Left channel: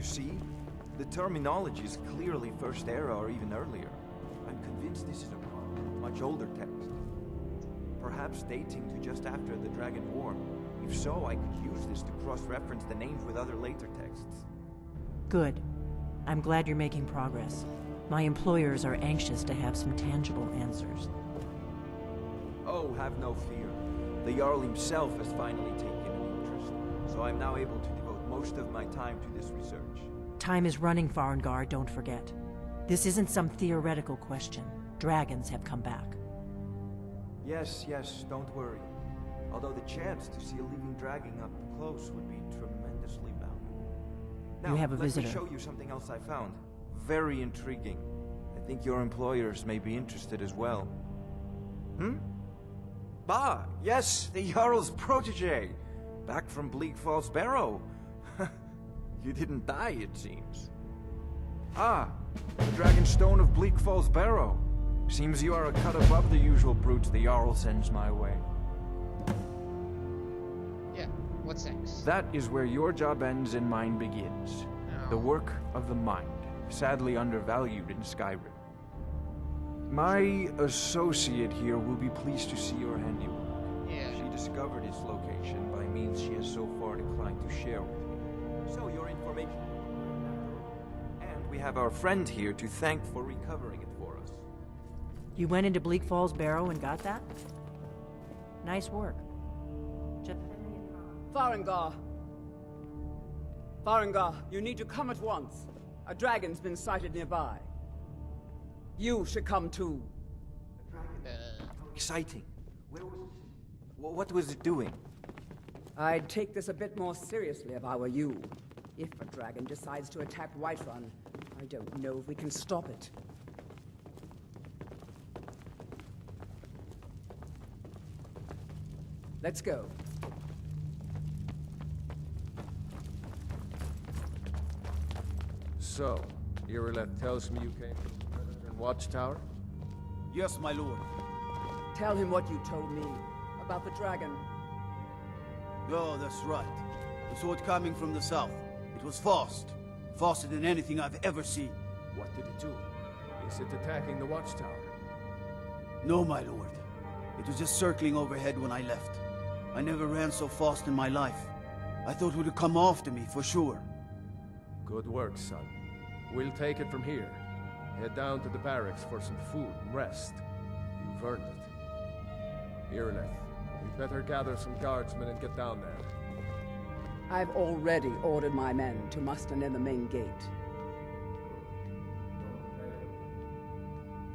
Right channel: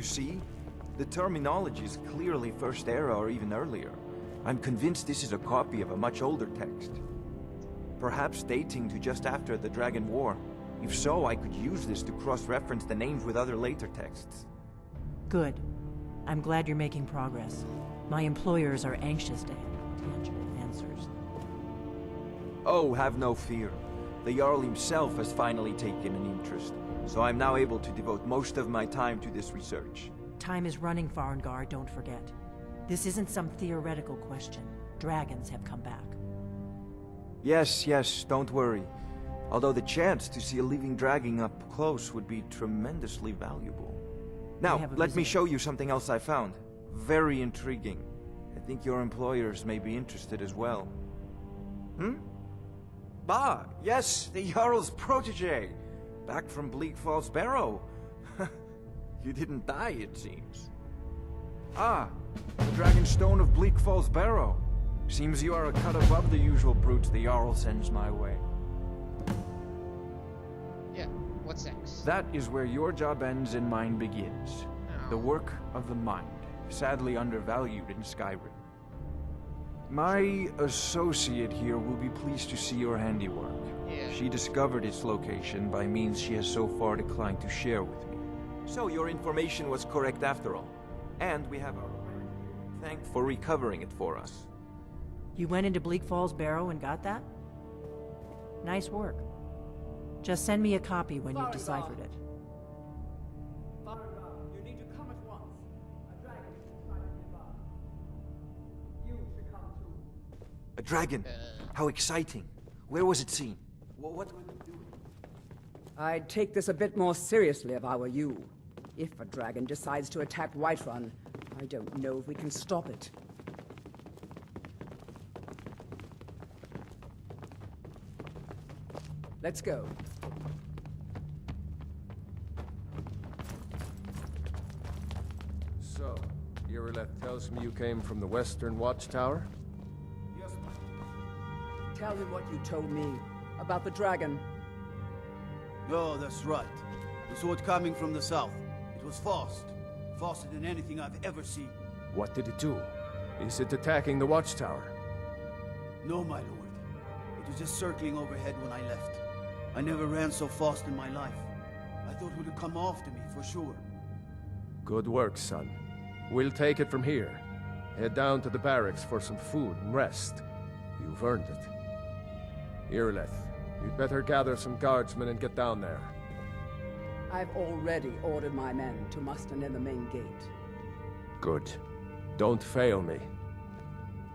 You see? The terminology is clearly First Era or even earlier. I'm convinced this is a copy of a much older text. Perhaps dating to just after the Dragon War. If so, I could use this to cross-reference the names with other later texts. Good. I'm glad you're making progress. My employers are anxious to have some tangible answers. Oh, have no fear. The Jarl himself has finally taken an interest, so I'm now able to devote most of my time to this research. Time is running, Farengar, don't forget. This isn't some theoretical question. Dragons have come back. Yes, don't worry. Although the chance to see a living dragon up close would be tremendously valuable. Now, let me show you something else I found. Very intriguing. I think your employers may be interested as well. Ah, yes, the Jarl's protege! Back from Bleak Falls Barrow. You didn't die, it seems. Ah, the Dragonstone of Bleak Falls Barrow. Seems you are a cut above the usual brutes the Jarl sends my way. Yeah, what's next? That is where your job ends and mine begins. The work of the mind, sadly undervalued in Skyrim. My associate here will be pleased to see your handiwork. Yeah. She discovered its location by means she has so far declined to share with me. So your information was correct after all. And we have our friend here to thank for recovering it for us. You went into Bleak Falls Barrow and got that? Nice work. Just send me a copy when you've deciphered it. Farengar, you need to come at once. A dragon's been sighted nearby. You should come too. A dragon? How exciting. Where was it seen? What was it doing? I'd take this a bit more seriously if I were you. If a dragon decides to attack Whiterun, I don't know if we can stop it. Let's go. So, Irileth tells me you came from the Western Watchtower? Yes, my lord. Tell him what you told me about the dragon. No, that's right. We saw it coming from the south. It was fast. Faster than anything I've ever seen. What did it do? Is it attacking the Watchtower? No, my lord. It was just circling overhead when I left. I never ran so fast in my life. I thought it would come after me, for sure. Good work, son. We'll take it from here. Head down to the barracks for some food and rest. You've earned it. Irileth, we'd better gather some guardsmen and get down there. I've already ordered my men to muster near the main gate. Good. Don't fail me.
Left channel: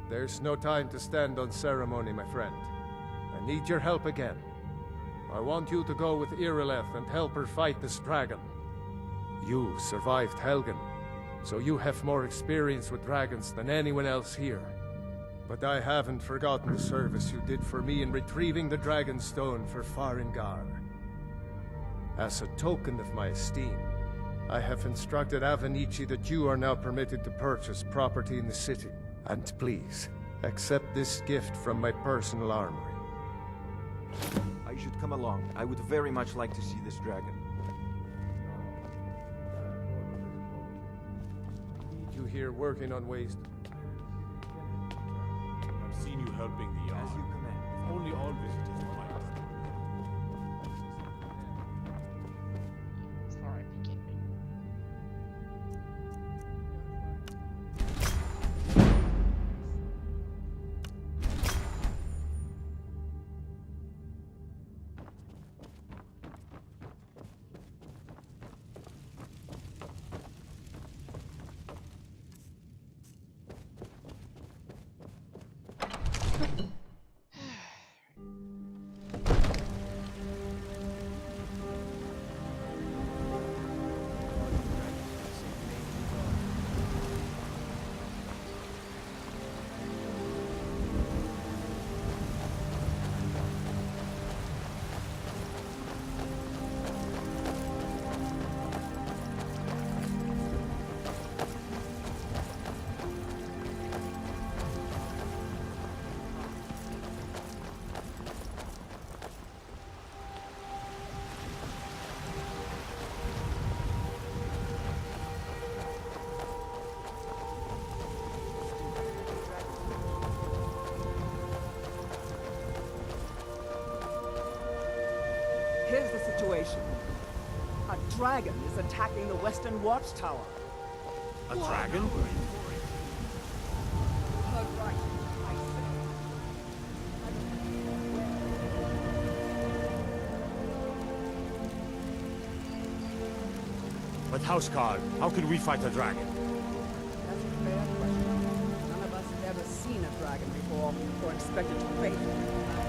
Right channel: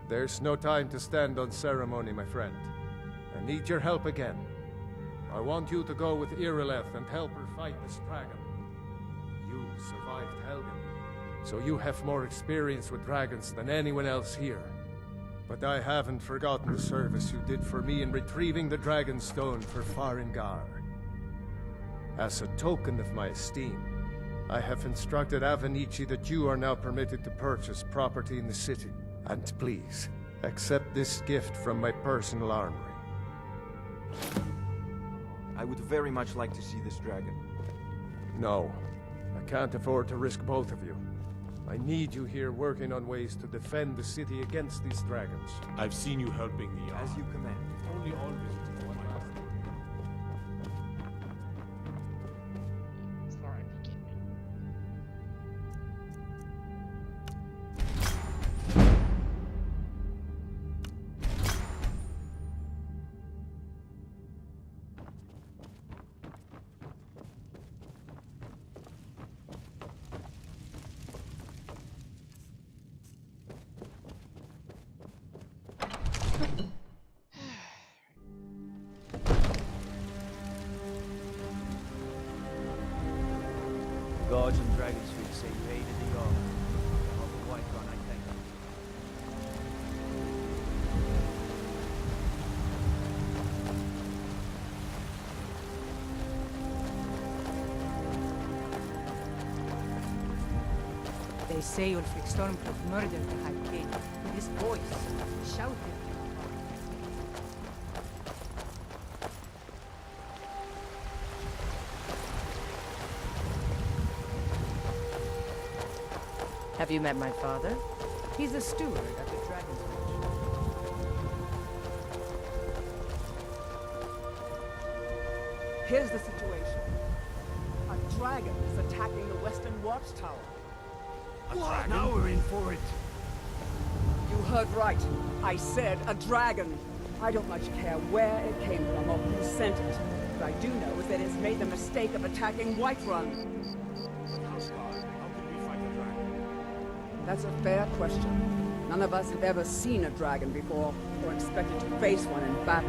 There's no time to stand on ceremony, my friend. I need your help again. I want you to go with Irileth and help her fight this dragon. You survived Helgen, so you have more experience with dragons than anyone else here. But I haven't forgotten the service you did for me in retrieving the Dragonstone for Farengar. As a token of my esteem, I have instructed Avenici that you are now permitted to purchase property in the city. And please, accept this gift from my personal armory. I should come along. I would very much like to see this dragon. No, I can't afford to risk both of you. I need you here working on ways to defend the city against these dragons. I've seen you helping the Jarl. As you command. If only all visitors were like that. Alright, begin. Gods and dragons would say you hated the Jarl. Why not? They say your son was murdered behind the gate. This voice shouted him from. Have you met my father? He's a steward at the Dragon's Reach. Here's the situation. A dragon is attacking the Western Watchtower. A dragon? Now we're in for it. You heard right. I said a dragon. I don't much care where it came from or who sent it. What I do know is that it's made the mistake of attacking Whiterun. But Housecarl, how could we fight a dragon? That's a fair question. None of us have ever seen a dragon before, or expected to face one in battle.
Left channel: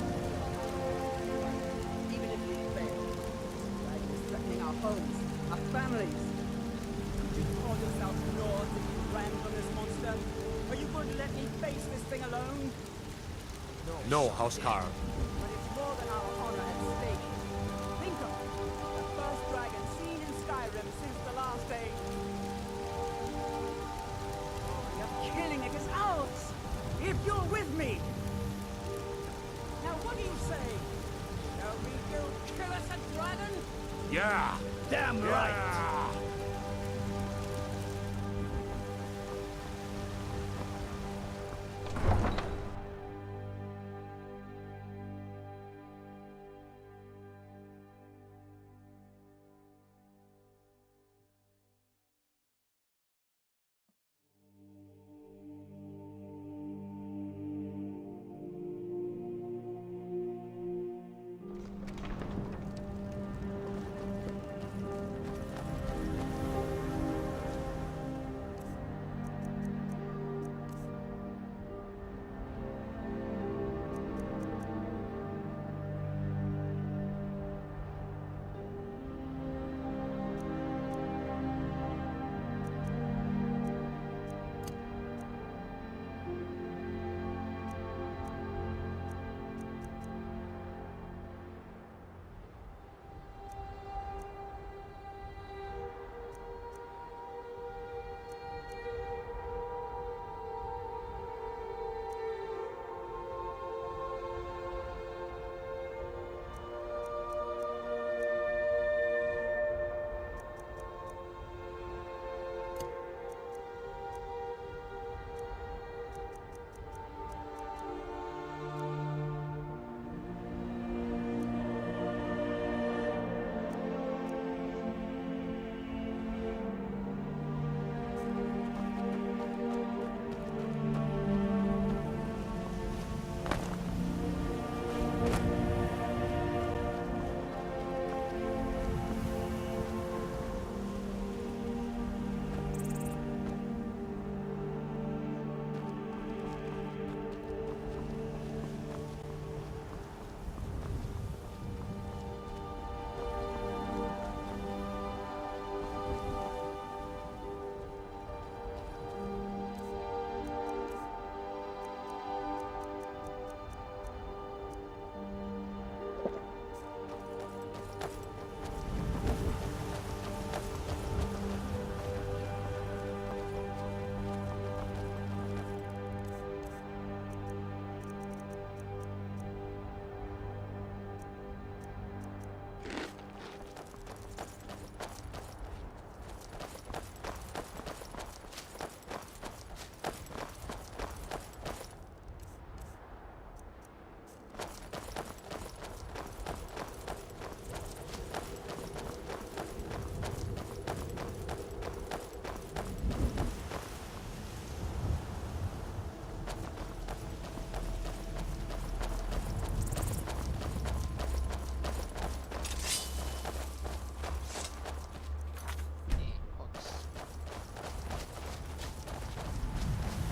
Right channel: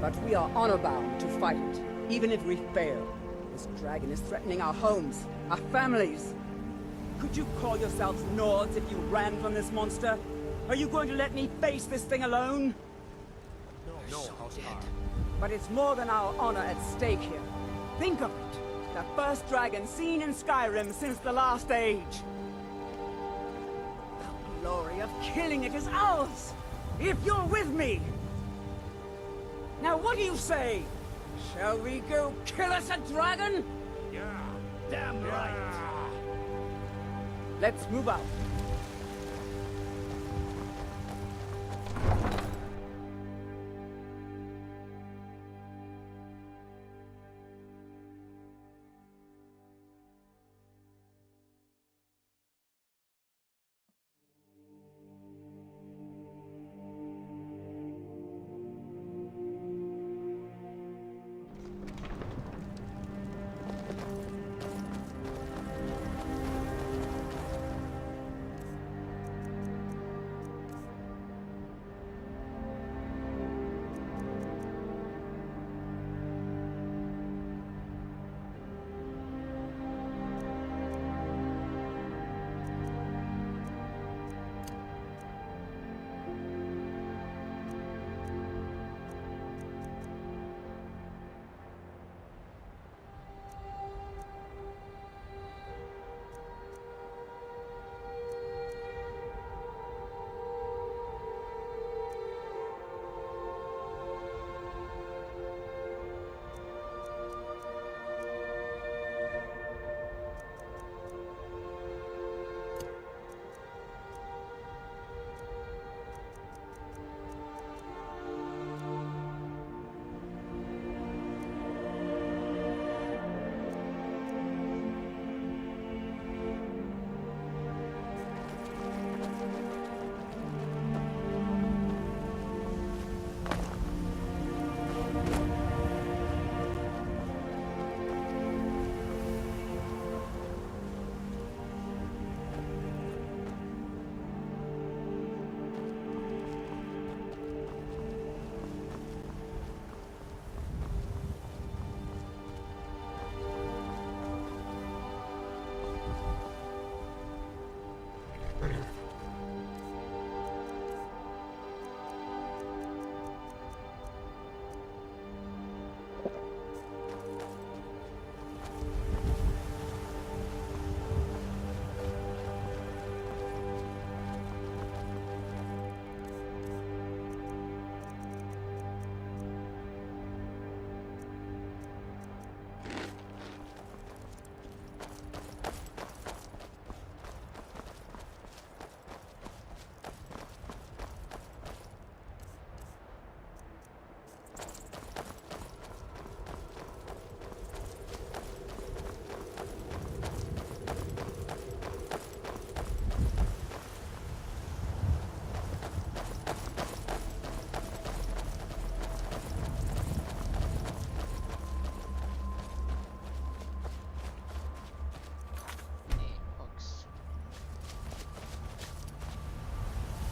But we are honor-bound to fight it, even if we fail. This dragon is threatening our homes, our families. Could you call yourselves Nords if you ran from this monster? Are you going to let me face this thing alone? No, Housecarl. But it's more than our honor at stake here. Think of it. The first dragon seen in Skyrim since the last age. The glory of killing it is ours, if you're with me. Now what do you say? Shall we go kill us a dragon? Yeah! Damn Yeah! right. Let's move out.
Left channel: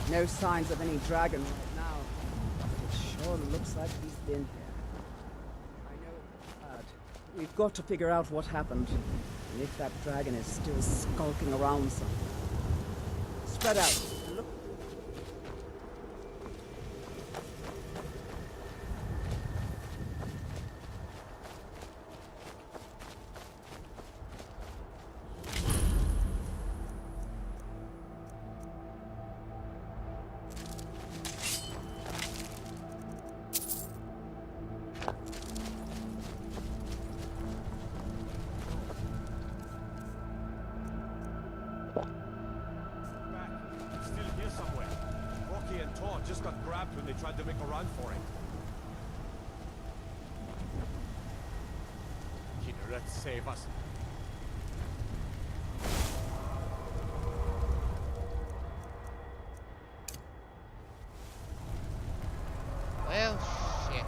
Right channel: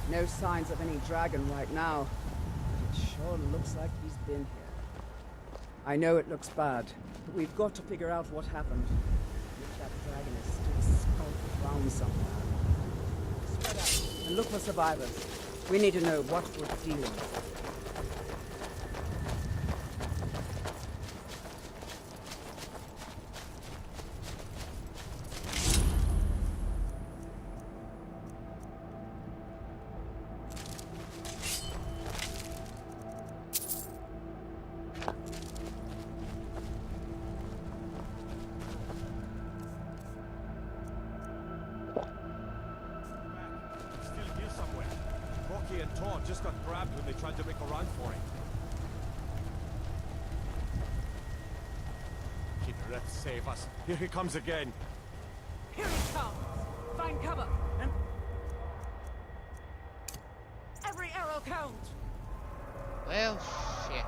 No signs of any dragon right now, but it sure looks like he's been here. I know it looks bad, but we've got to figure out what happened, and if that dragon is still skulking around somewhere. Spread out and look for survivors. We need to know what we're dealing with. paw just got grabbed when they tried to make a run for it. Kinneret, save us. Here he comes again. Here it comes! Find cover! And... Every arrow counts! Well, shit.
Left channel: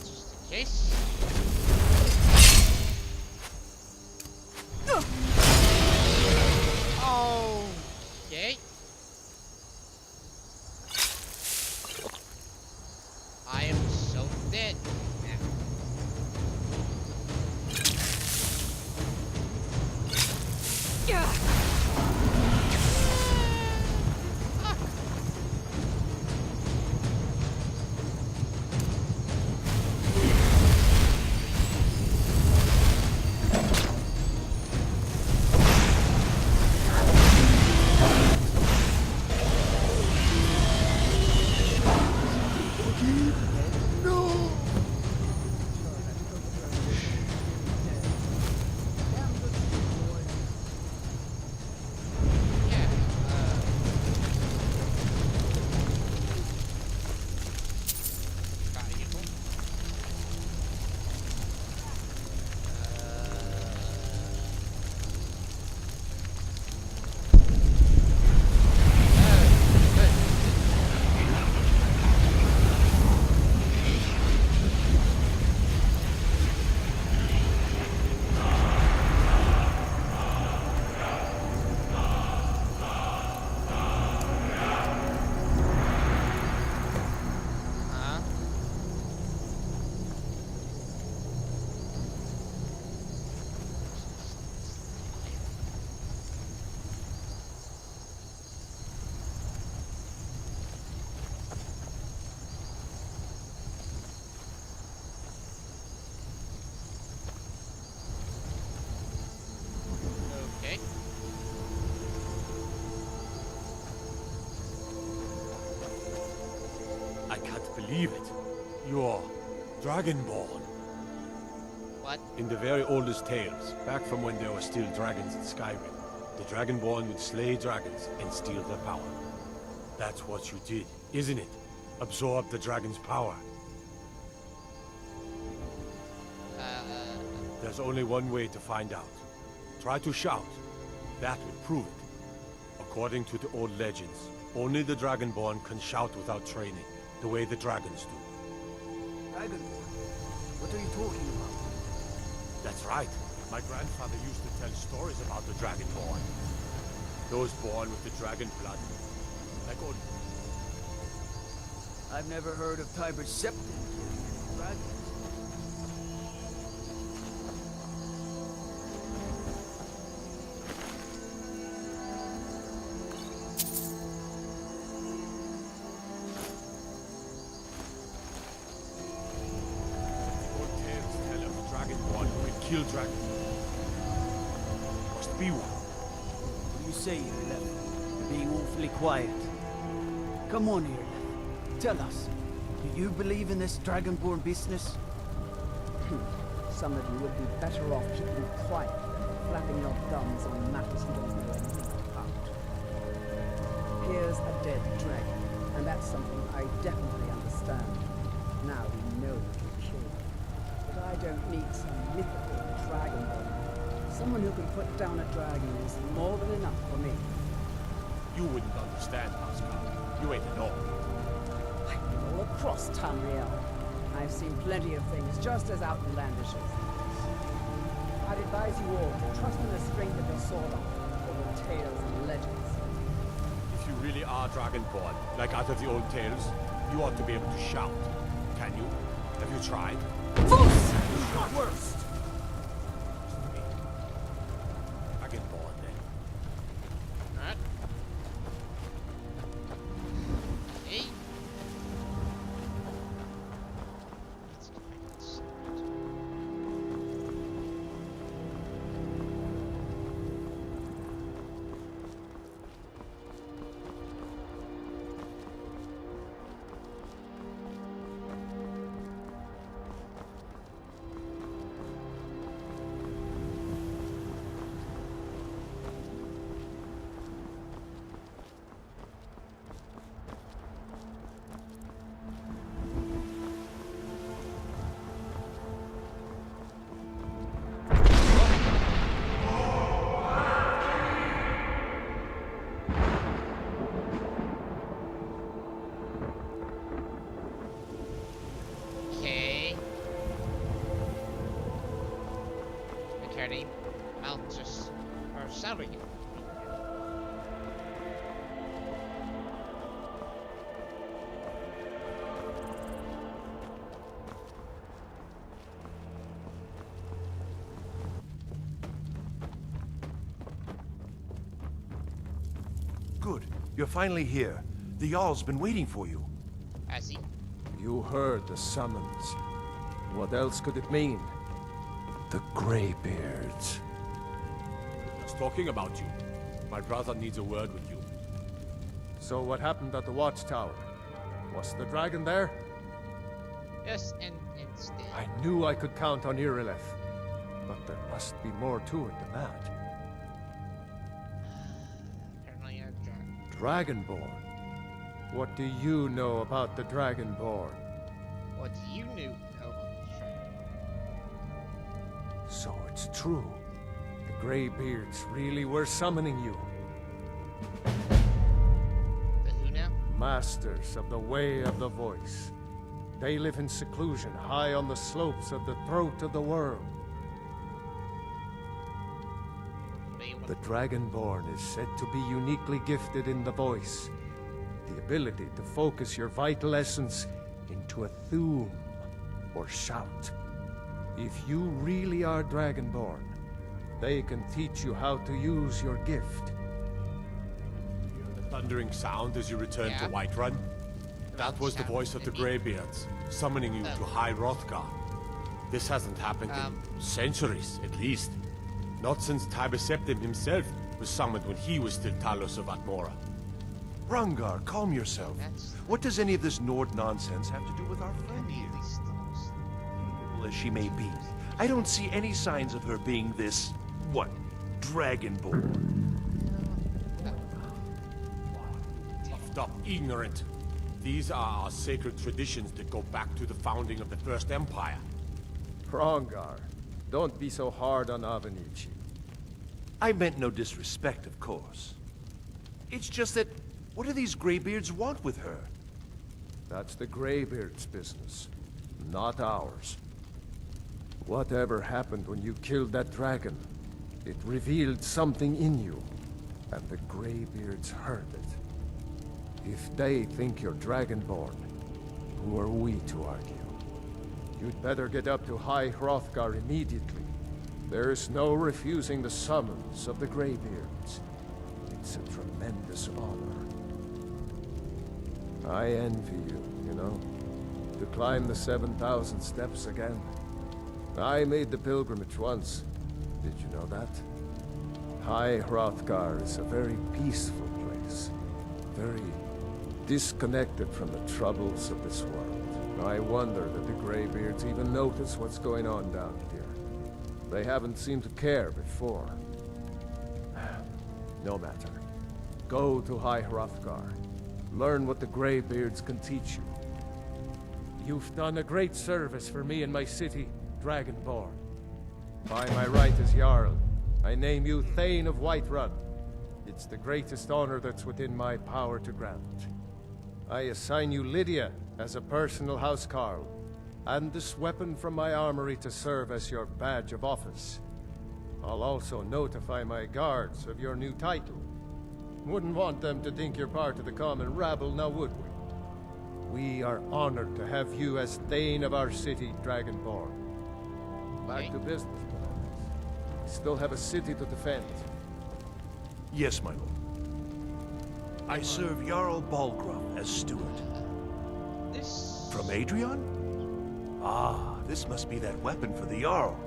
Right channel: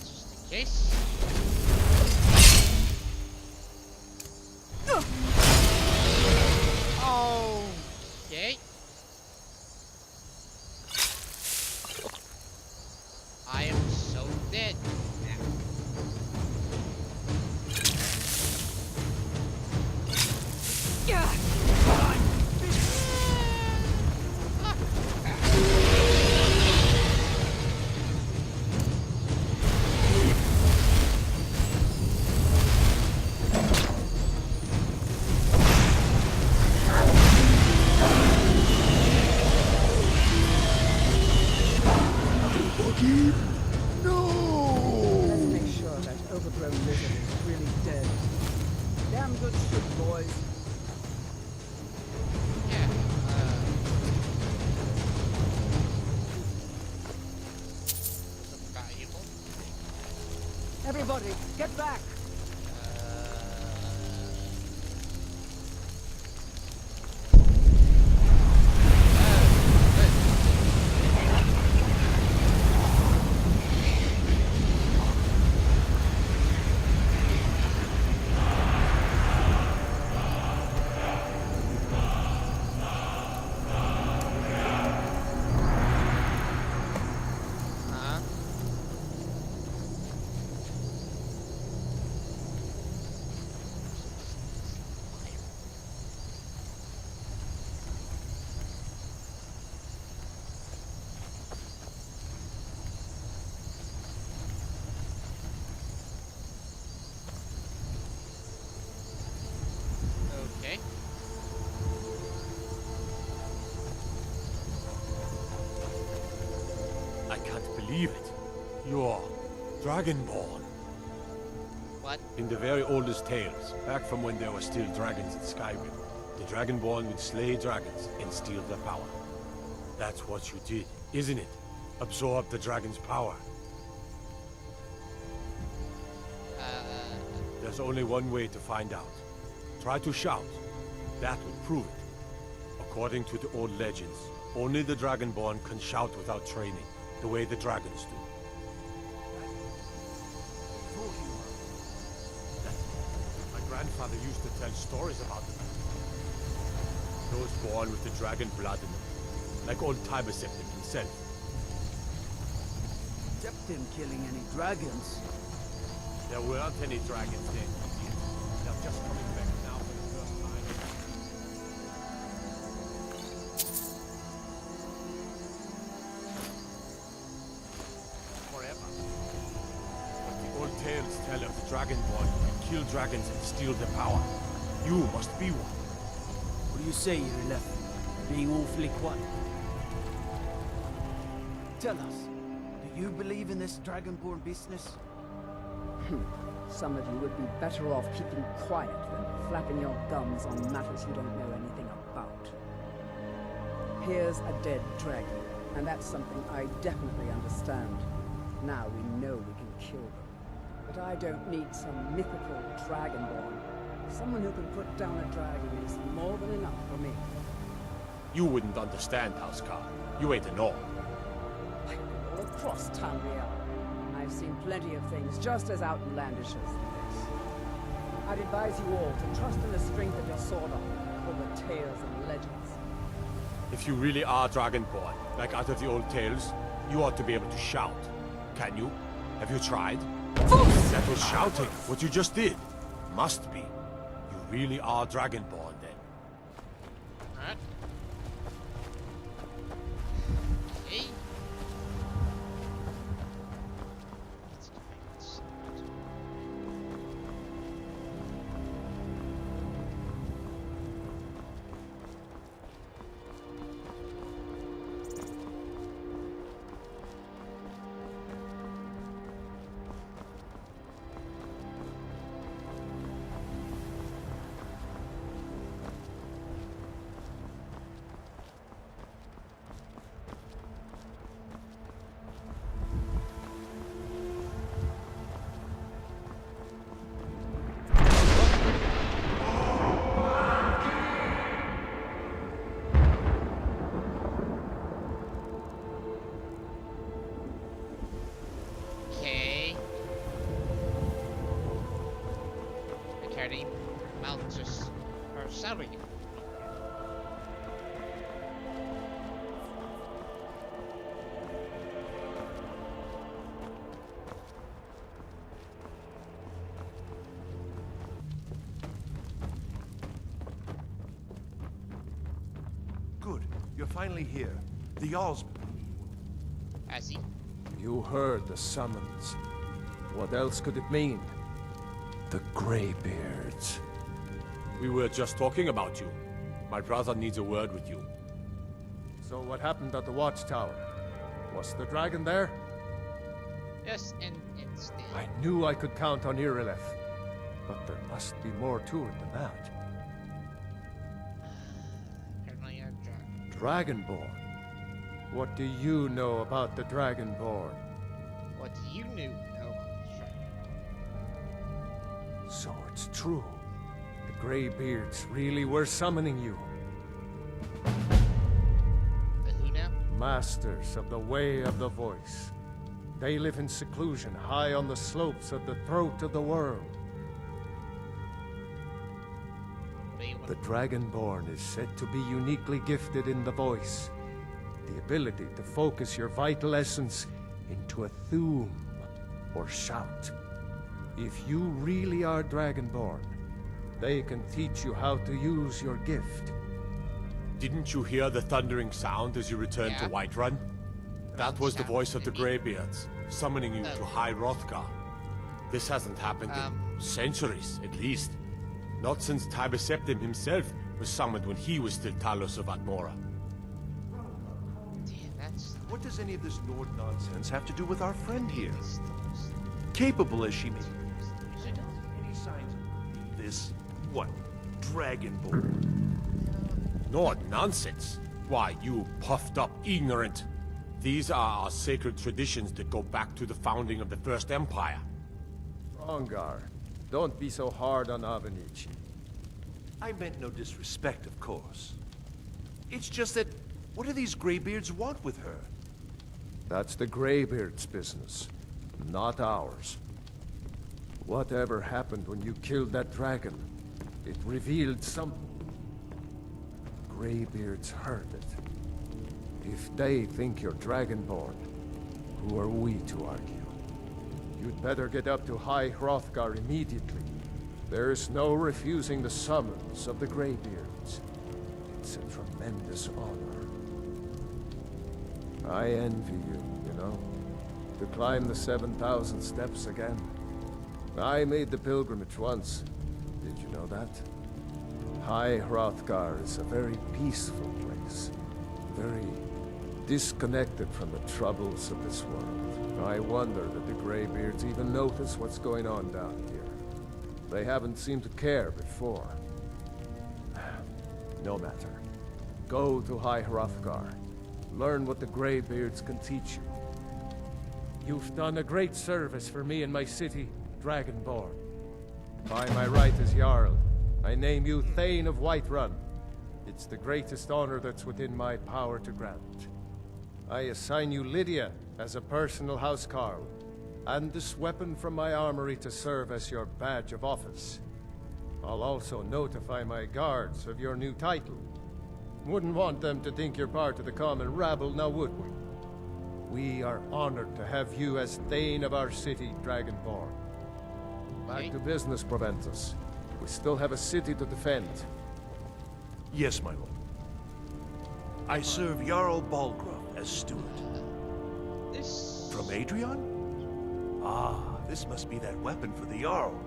Just in case. Okay. I am so dead now. Let's make sure that overgrown lizard is really dead. Damn good shit, boys. Yeah, valuable. Everybody, get back! Okay. I can't believe it. You're Dragonborn. What? In the very oldest tales, back from when there were still dragons in Skyrim, the Dragonborn would slay dragons and steal their power. That's what you did, isn't it? Absorb the dragon's power. There's only one way to find out. Try to shout. That would prove it. According to the old legends, only the Dragonborn can shout without training, the way the dragons do. Dragon? What are you talking about? That's right. My grandfather used to tell stories about the Dragonborn. Those born with the dragon blood in them. Like old Tiber Septim himself. I've never heard of Tiber Septim killing any dragons. There weren't any dragons then. They're just remembered now. Forever. But the old tales tell of the Dragonborn who can kill dragons and steal their power. You must be one. What do you say, Irileth? You're being awfully quiet. Come on, Irileth. Tell us, do you believe in this Dragonborn business? Some of you would be better off keeping quiet than flapping your gums on matters you don't know anything about. Here's a dead dragon, and that's something I definitely understand. Now we know we can kill them. But I don't need some mythical dragonborn. Someone who can put down a dragon is more than enough for me. You wouldn't understand, Housecar. You ain't a Norn. I've been all across Tamriel. I've seen plenty of things just as outlandish as this. I'd advise you all to trust in the strength of your sword over tales and legends. If you really are Dragonborn, like out of the old tales, you ought to be able to shout. Can you? Have you tried? That was shouting, what you just did. Must be. You really are Dragonborn, then. Alright. Okay. Let's go back inside. Okay. McCartney mounts her salary. Good. You're finally here. The Jarl's been waiting for you. Has he? You heard the summons. What else could it mean? The Greybeards. We were just talking about you. My brother needs a word with you. So what happened at the watchtower? Was the dragon there? Yes, and instead. I knew I could count on Irileth. But there must be more to it than that. Apparently a dragon. Dragonborn? What do you know about the Dragonborn? What you knew about the dragon? So it's true. The Greybeards really were summoning you. The who now? Masters of the Way of the Voice. They live in seclusion high on the slopes of the throat of the world. What do you want? The Dragonborn is said to be uniquely gifted in the voice. The ability to focus your vital essence into a thum, or shout. If you really are Dragonborn, they can teach you how to use your gift. Didn't you hear the thundering sound as you returned Yeah. to Whiterun? That was the voice of the Greybeards, summoning you to High Hrothgar. This hasn't happened in centuries, at least. Not since Tiber Septim himself was summoned when he was still Talos of Atmora. Rungar, calm yourself. That's What does any of this Nord nonsense have to do with our friend here? Capable as she may be, I don't see any signs of her being this, what, Dragonborn. Nord nonsense. Why, you puffed up ignorant. These are our sacred traditions that go back to the founding of the First Empire. Hrongar, don't be so hard on Avenici. I meant no disrespect, of course. It's just that, what do these Greybeards want with her? That's the Greybeards' business, not ours. Whatever happened when you killed that dragon, it revealed something in you, and the Greybeards heard it. If they think you're Dragonborn, who are we to argue? You'd better get up to High Hrothgar immediately. There's no refusing the summons of the Greybeards. It's a tremendous honor. I envy you, you know, to climb the 7,000 steps again. I made the pilgrimage once. Did you know that? High Hrothgar is a very peaceful place. Very disconnected from the troubles of this world. I wonder that the Greybeards even notice what's going on down here. They haven't seemed to care before. No matter. Go to High Hrothgar. Learn what the Greybeards can teach you. You've done a great service for me and my city, Dragonborn. By my right as Jarl, I name you Thane of Whiterun. It's the greatest honor that's within my power to grant. I assign you Lydia as a personal housecarl, and this weapon from my armory to serve as your badge of office. I'll also notify my guards of your new title. Wouldn't want them to think you're part of the common rabble, now would we? We are honored to have you as Thane of our city, Dragonborn. Back to business, Proventus. We still have a city to defend. Yes, my lord. I serve Jarl Balgruuf as steward. This... From Adrian? Ah, this must be that weapon for the Jarl.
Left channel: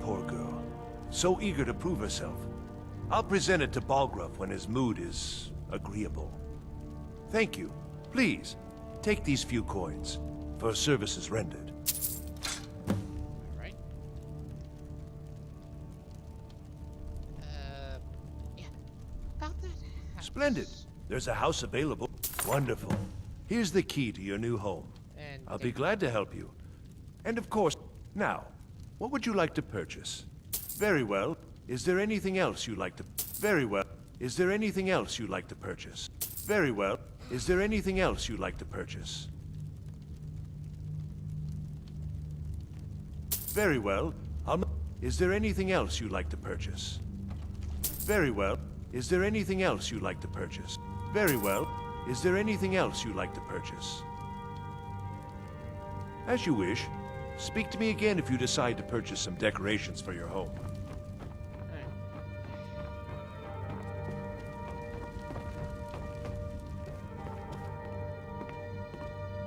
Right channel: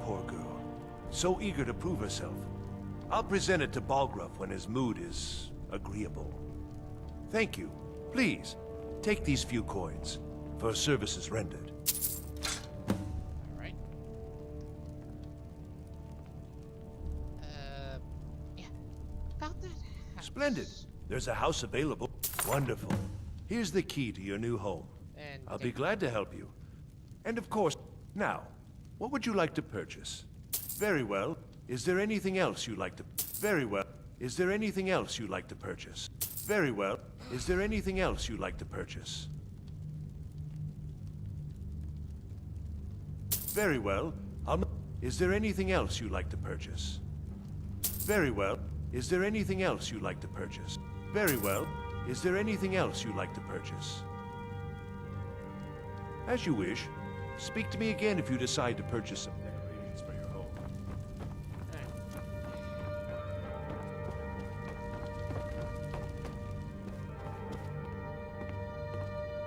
Poor girl. So eager to prove herself. I'll present it to Balgruuf when his mood is agreeable. Thank you. Please, take these few coins for services rendered. Alright. Yeah. About that house. Splendid. There's a house available. Wonderful. Here's the key to your new home. And I'll be glad to help you. And of course, now, what would you like to purchase? Very well. Is there anything else you'd like to... Very well. Is there anything else you'd like to purchase? Very well. Is there anything else you'd like to purchase? Very well. Is there anything else you'd like to purchase? Very well. Is there anything else you'd like to purchase? Very well. Is there anything else you'd like to purchase? As you wish. Speak to me again if you decide to purchase some decorations for your home.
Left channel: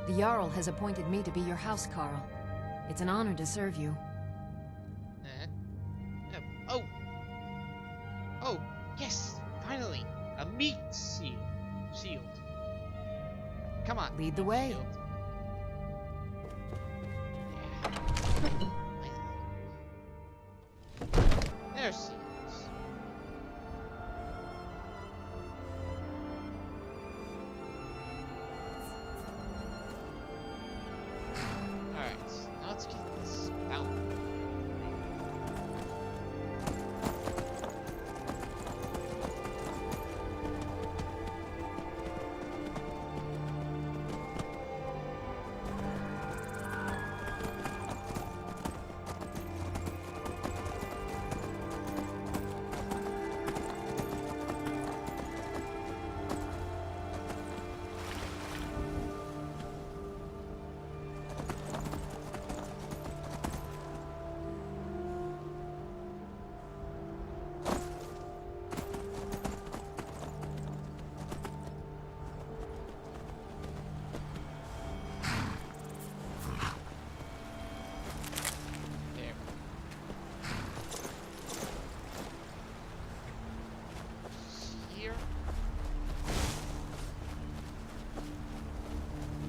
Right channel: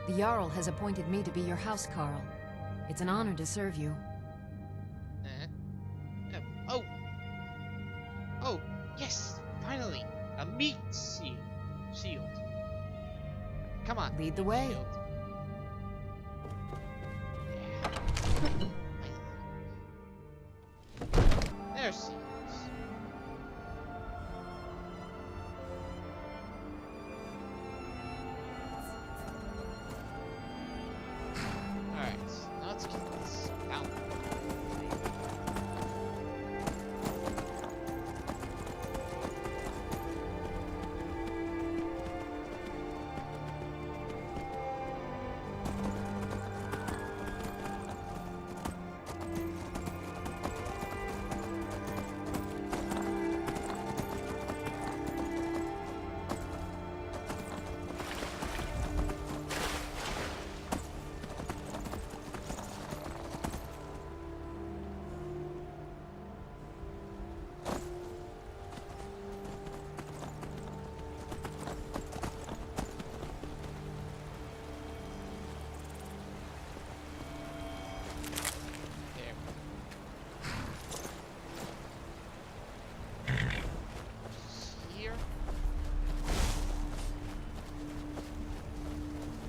The Jarl has appointed me to be your housecarl. It's an honor to serve you. Oh! Oh, yes! Finally! A meat shield. Come on. Lead the meat way. shield. Yeah. There's shields. Alright, now let's get this fountain.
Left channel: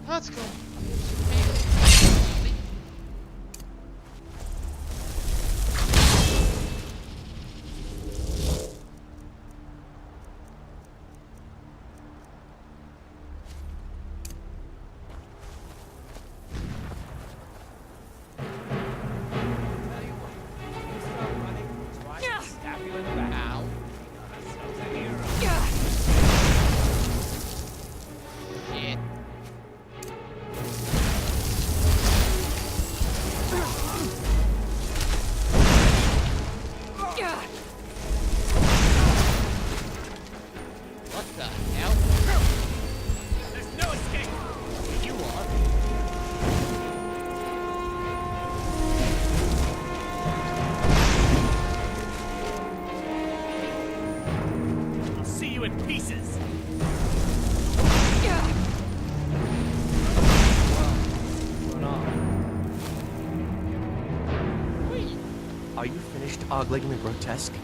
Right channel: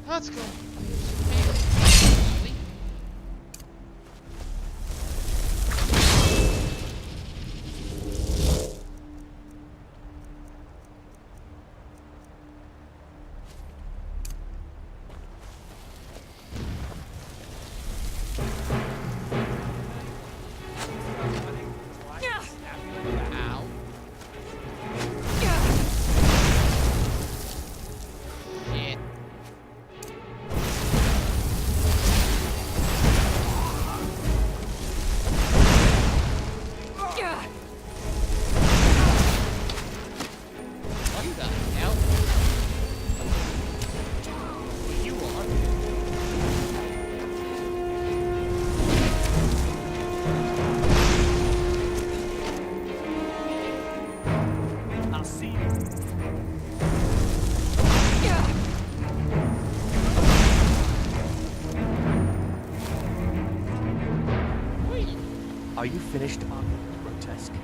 Let's go. Shall we? Ow. Shit. What the hell? You are. I'll see you in pieces. Wait. Are you finished ogling the grotesque?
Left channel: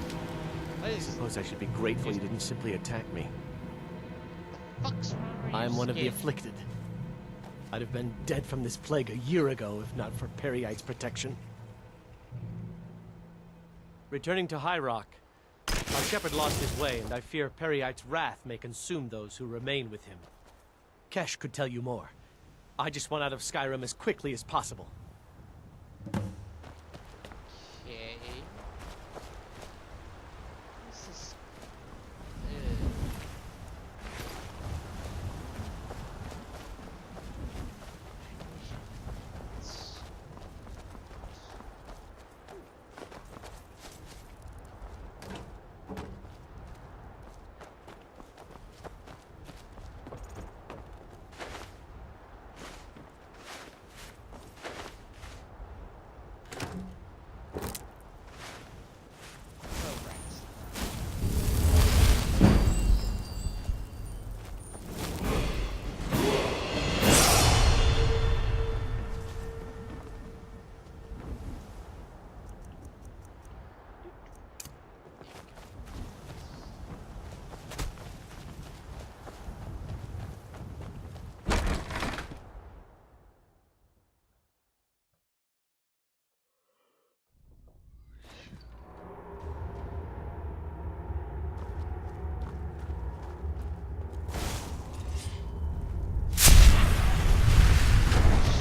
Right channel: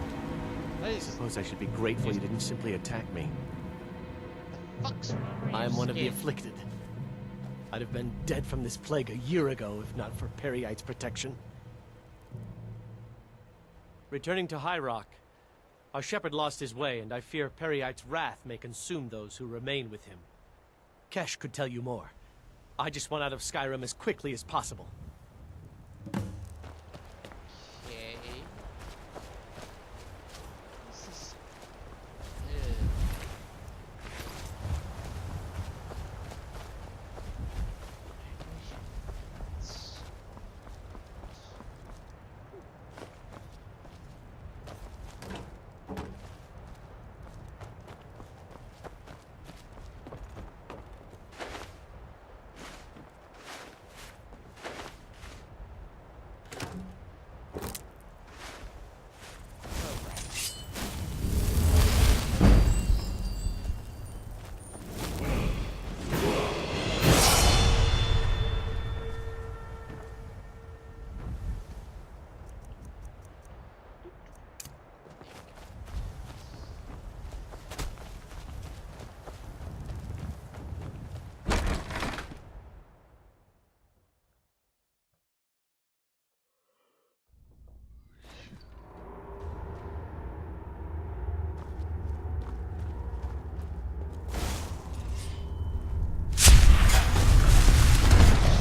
What I is suppose I should be grateful you didn't simply attack me. fuck's wrong with I'm your one of the skin? afflicted. I'd have been dead from this plague a year ago if not for Periite's protection. Returning to High Rock, our shepherd lost his way, and I fear Periite's wrath may consume those who remain with him. Kesh could tell you more. I just want out of Skyrim as quickly as possible. Okay. This is...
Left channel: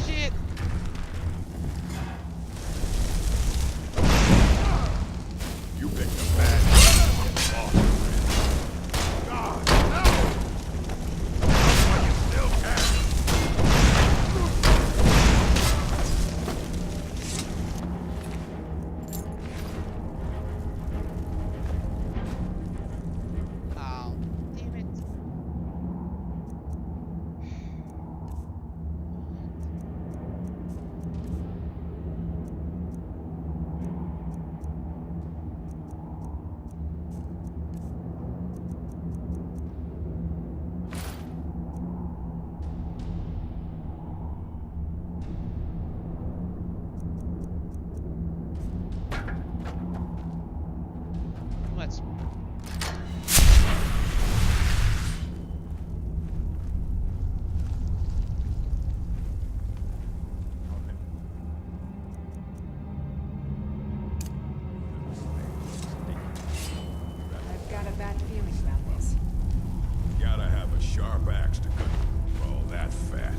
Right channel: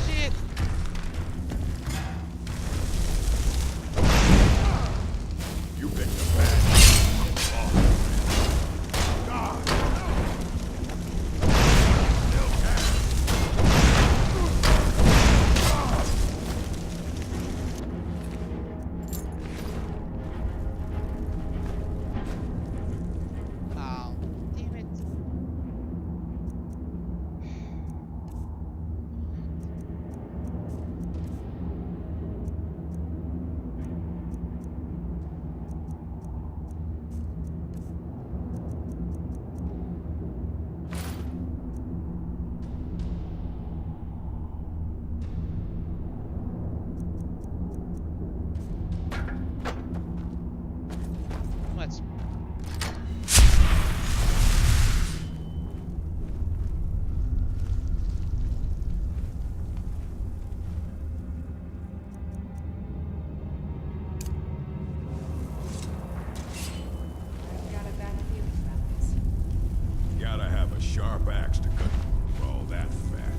Shit! You picked a bad boss. God, no! You still can. Oh, damn it. Let's... I've got a bad feeling about this. Gotta have a sharp axe to cut all that fat.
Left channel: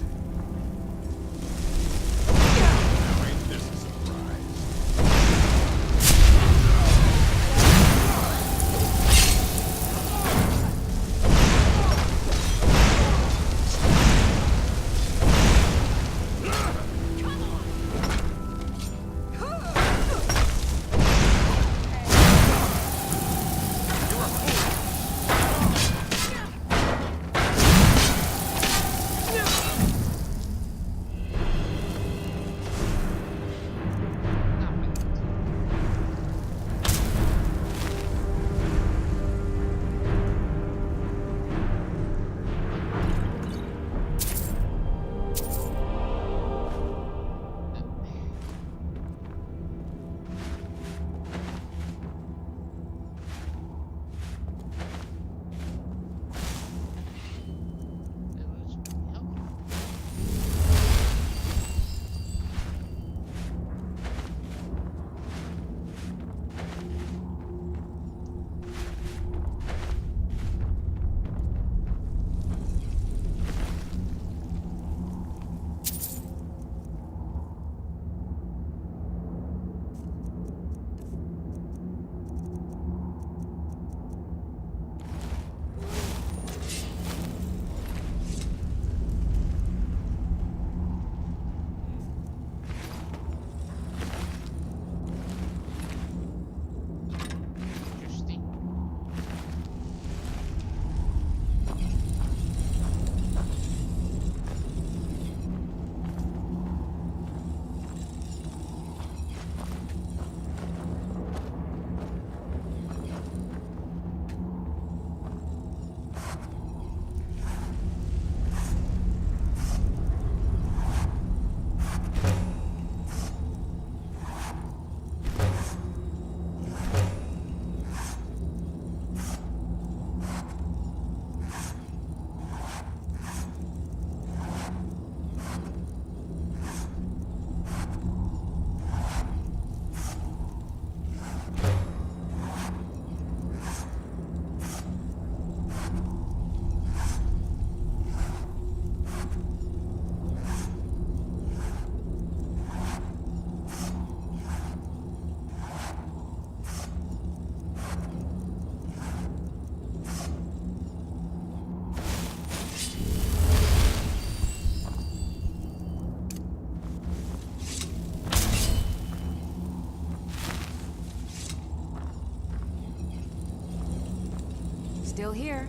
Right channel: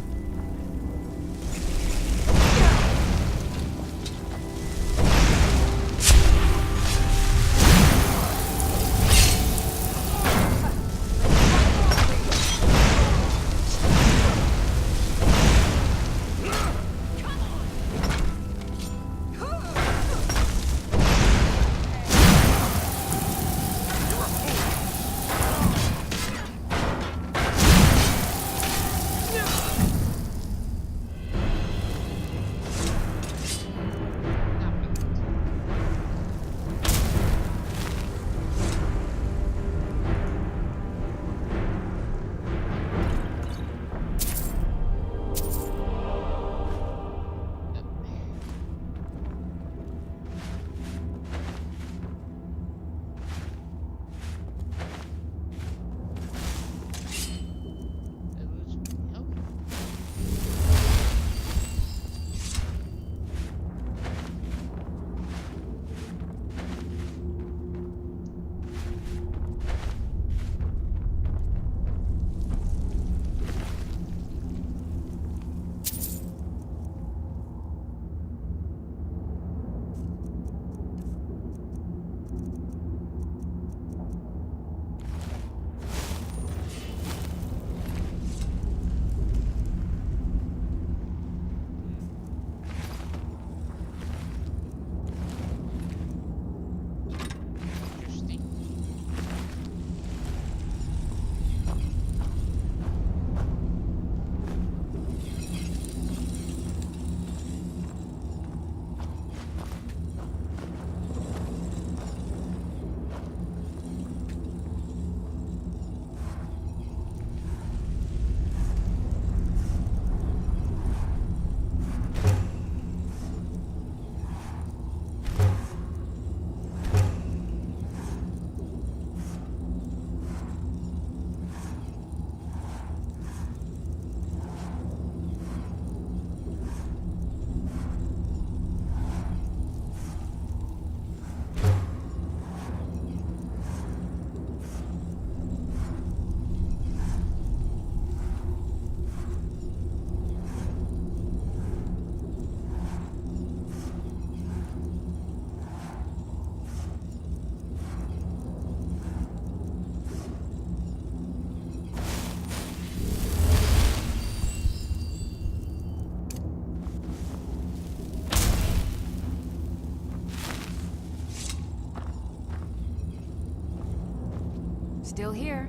still here.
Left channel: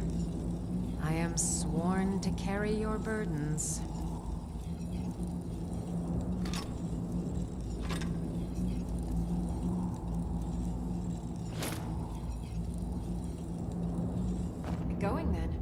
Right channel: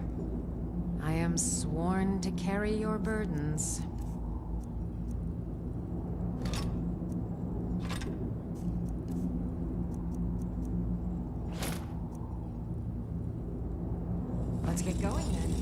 I am sworn to carry your burdens. Let's get going then.